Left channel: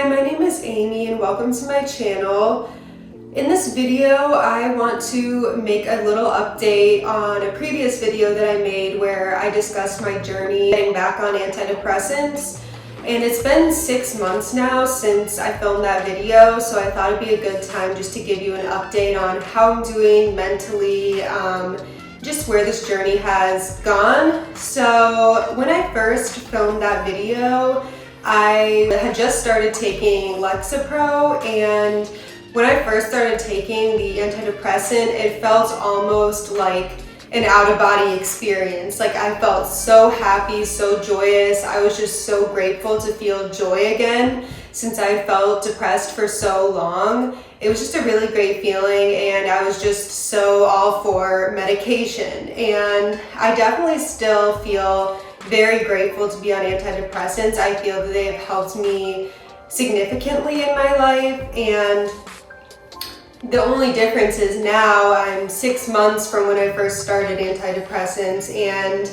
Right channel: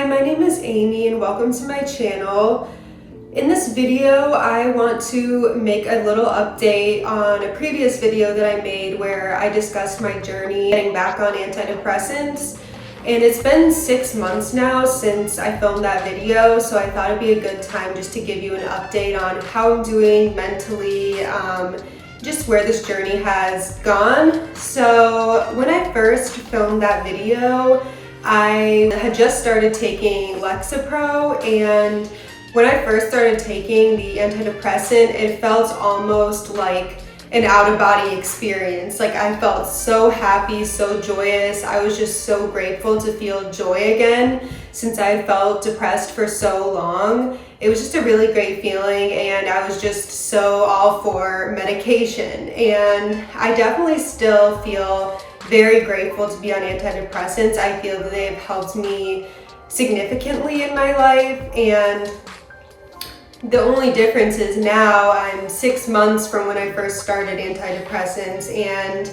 Hi, my name is Amy and welcome to my channel. In this video, I want to make a little update on a previous video that I made where I discussed my journey getting back on antidepressants. And it's been 6 months now since I filmed that video, so I thought it'd be a good time just to give you an update on how I'm doing mentally, just where this journey has gone. So when I first filmed that video, I had just started taking Lexapro, and when I first started taking the antidepressant, it felt almost like an out-of-body experience. Like I felt so happy, so joyous. I was just so grateful to feel joy again since I had felt depressed for so long. It was just a really great feeling, and I was just so all for medication. And I definitely still feel very grateful to be on antidepressants. I feel that they've helped me significantly in my life, and the only difference is now I'm 6 months from when I first started antidepressants, and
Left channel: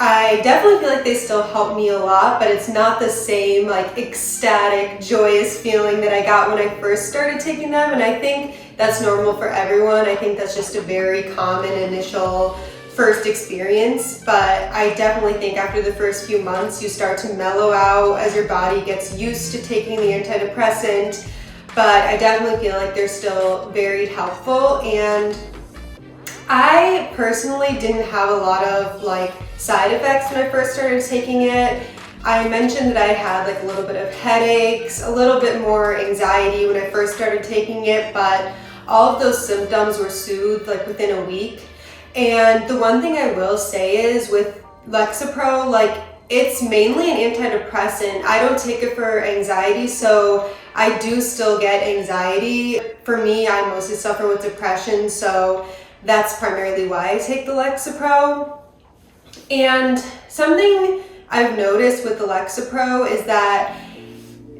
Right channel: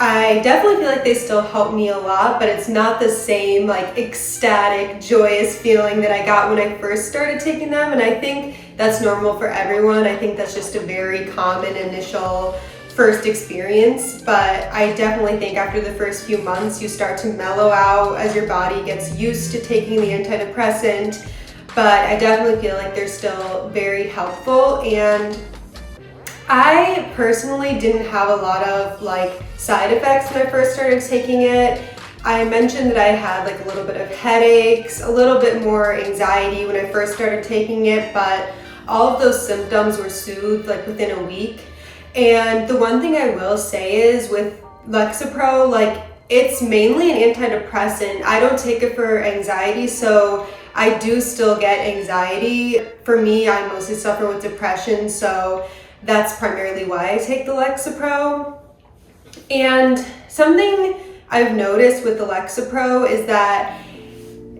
I definitely feel like they still help me a lot, but it's not the same like ecstatic, joyous feeling that I got when I first started taking them. And I think that's normal for everyone. I think that's just a very common initial first experience, but I definitely think after the first few months you start to mellow out as your body gets used to taking the antidepressant. But I definitely feel like they're still very helpful, and I personally didn't have a lot of like side effects when I first started taking it. I mentioned that I had like a little bit of headaches, a little bit more anxiety when I first started taking it, but all of those symptoms were soothed like within a week. And the one thing I will say is with Lexapro, like it's mainly an antidepressant. I don't take it for anxiety, so I do still get anxiety. For me, I mostly suffer with depression, so that's primarily why I take the Lexapro. And something I've noticed with the Lexapro is that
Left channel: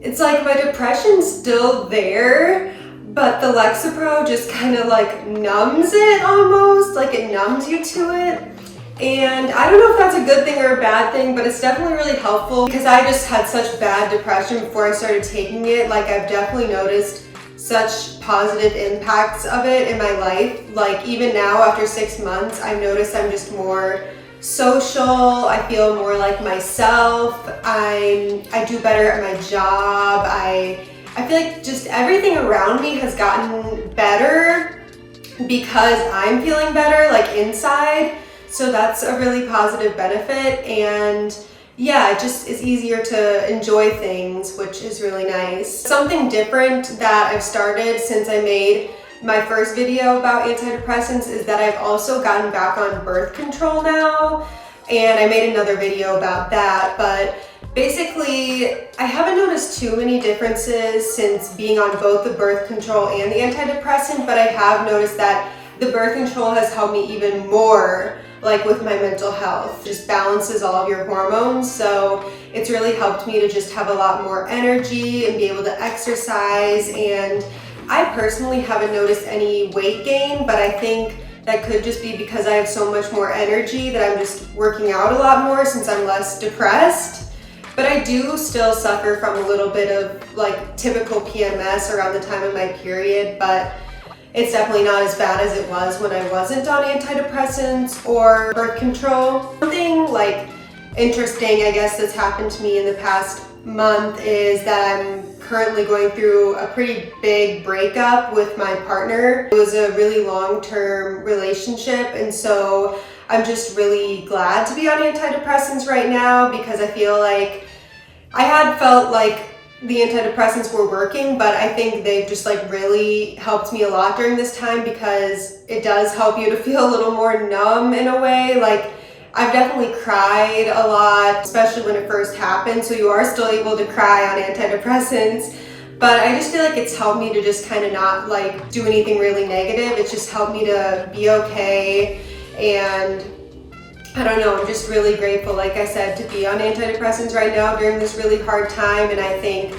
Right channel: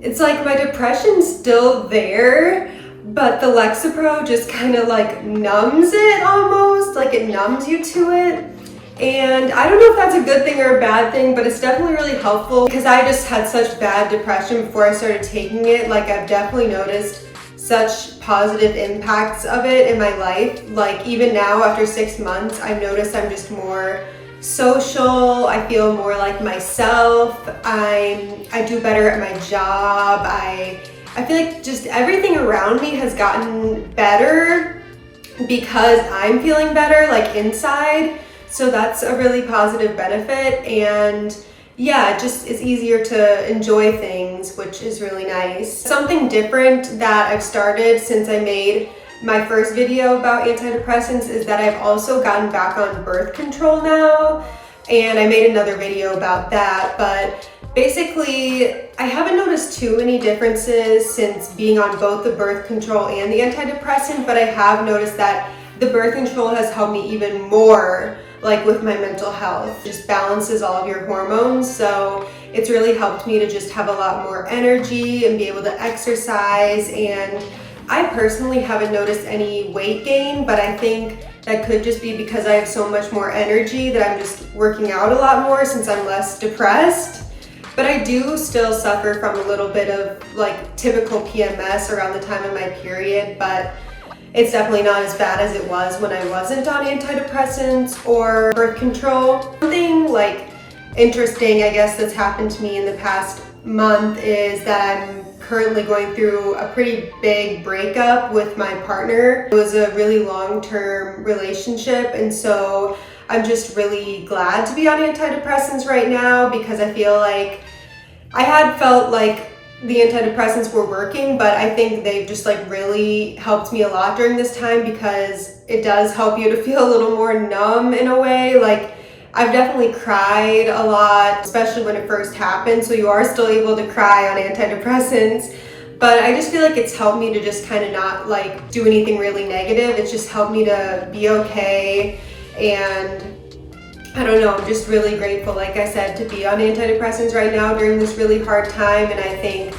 it's like my depression's still there, but the Lexapro just kind of like numbs it almost, like it numbs you to it. And I don't know if that's a good thing or a bad thing, but it's definitely really helpful because I just had such bad depression before I started taking it. Like I've definitely noticed such positive impacts of it in my life. Like even now after 6 months, I've noticed I'm just more social. I feel more like myself. I do better at my job. I feel like just everything around me has gotten better because I'm feeling better like inside. So that's a really positive benefit, and yeah, it just is easier to enjoy things, which is really nice. Something different that I've started since I made my first video about antidepressants is that I've also gotten back on birth control now, and I made another video about that, but basically I haven't noticed too many differences since being on both the birth control and the antidepressant, but I have noticed that the birth control has helped me even more, like with my mental health. It just balances all of your hormones, so it's really helped me to just have a lot more energy and be able to exercise. And I personally haven't noticed any weight gain, but I think that could just be because I have so much more energy that I'm just working out a lot more since I'm less depressed. But I do still suffer from a little bit of like typical PMS around the time of my period, but it's definitely not as bad as it was when I wasn't on antidepressants or birth control. Something like interesting, I guess, that's happened to me in the past month is that I'm currently going through a pretty big breakup with my partner. It was a really long-term relationship, and so I'm just really glad to be on antidepressants right now because I feel like I had felt like the antidepressants were working, but I think they've just like really helped me a lot during this time because it does help you to feel a little more numb in a way. Like I've definitely cried a lot, especially when it first happened, so you are still able to cry on antidepressants, but I just feel like it's helped me to just kind of not like do anything really negative. It's just helped me to be okay, and I don't know, I'm just really grateful, like I said, to be on antidepressants right now during this really hard time. And I think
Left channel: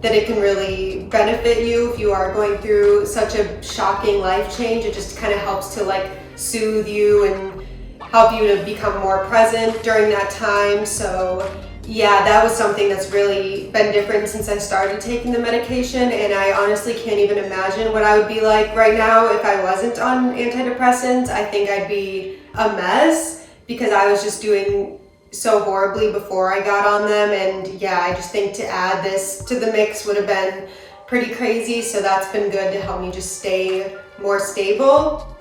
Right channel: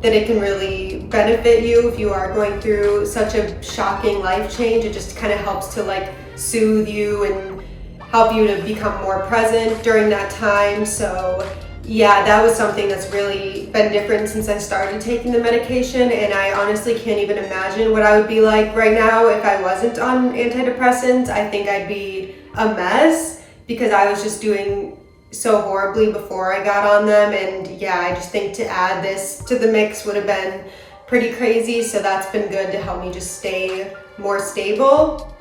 that it can really benefit you if you are going through such a shocking life change. It just kind of helps to like soothe you and help you to become more present during that time. So yeah, that was something that's really been different since I started taking the medication, and I honestly can't even imagine what I would be like right now if I wasn't on antidepressants. I think I'd be a mess because I was just doing so horribly before I got on them, and yeah, I just think to add this to the mix would have been pretty crazy, so that's been good to help me just stay more stable.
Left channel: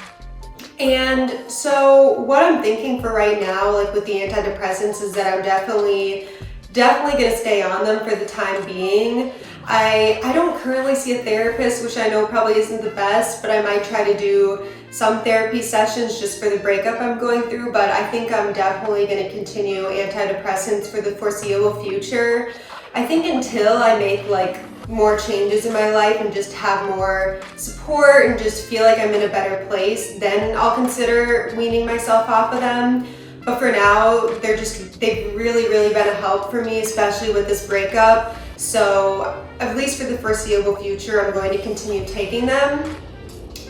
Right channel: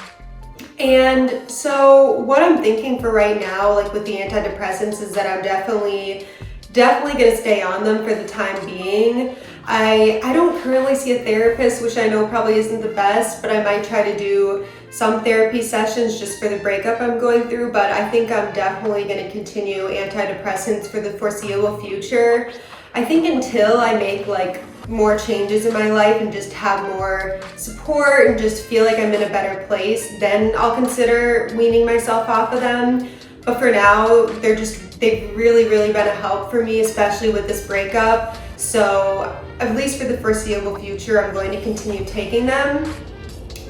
And so what I'm thinking for right now, like with the antidepressants, is that I'm definitely gonna stay on them for the time being. I don't currently see a therapist, which I know probably isn't the best, but I might try to do some therapy sessions just for the breakup I'm going through, but I think I'm definitely gonna continue antidepressants for the foreseeable future. I think until I make like more changes in my life and just have more support and just feel like I'm in a better place, then I'll consider weaning myself off of them. But for now, they've really been a help for me, especially with this breakup. So at least for the foreseeable future, I'm going to continue taking them.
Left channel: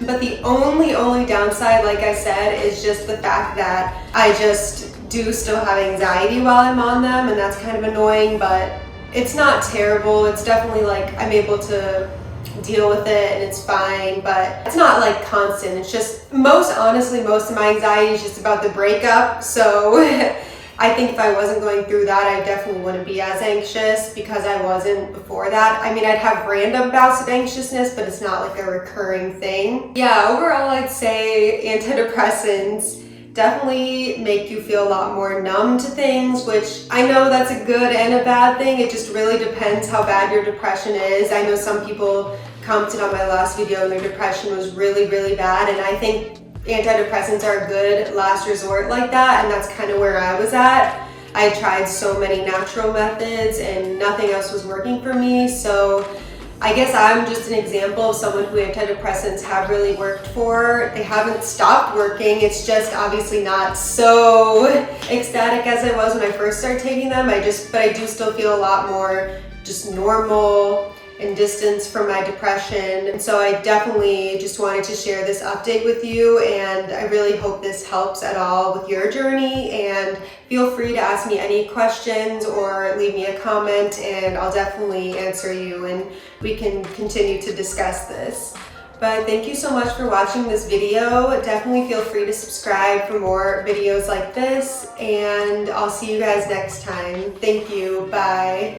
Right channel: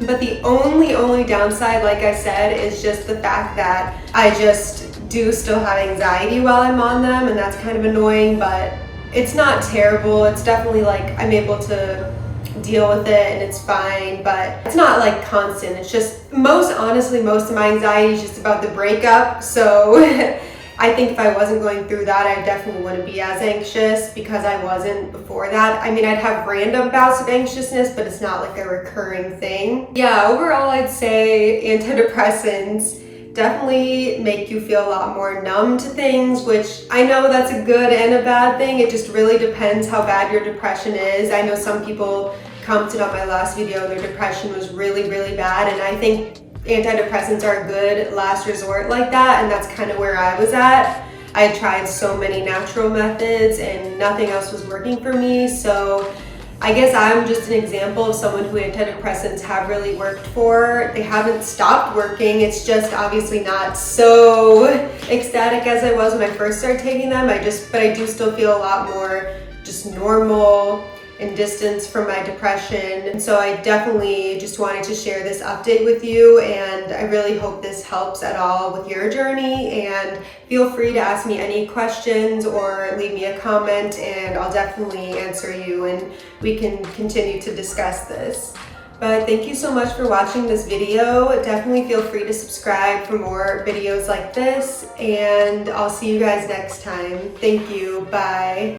But the only downside, like I said, is just the fact that I just do still have anxiety while I'm on them, and that's kind of annoying, but it's not terrible. It's definitely like I'm able to deal with it and it's fine, but it's not like constant. It's just honestly, most of my anxiety is just about the breakup. So I think if I wasn't going through that, I definitely wouldn't be as anxious because I wasn't before that. I mean, I'd have random bouts of anxiousness, but it's not like a recurring thing. Yeah, overall, I'd say antidepressants definitely make you feel a lot more numb to things, which I know that's a good and a bad thing. It just really depends how bad your depression is. I know some people commented on my last video and their depression was really bad, and I think antidepressants are a good last resort like that, and that's kind of where I was at. I tried so many natural methods and nothing else was working for me, so I guess I'm just an example of someone who antidepressants have really worked for. They haven't stopped working. It's just obviously not so ecstatic as I was when I first started taking them. But I do still feel a lot more just normal and distance from my depression. And so I definitely just wanted to share this update with you, and I really hope this helps at all with your journey. And feel free to ask me any questions or leave me a comment, and I'll definitely answer you and we can continue to discuss this. But thank you so much for watching this video. Definitely feel free to subscribe for more videos like this, and I'll see you guys next time. Thank you. Bye.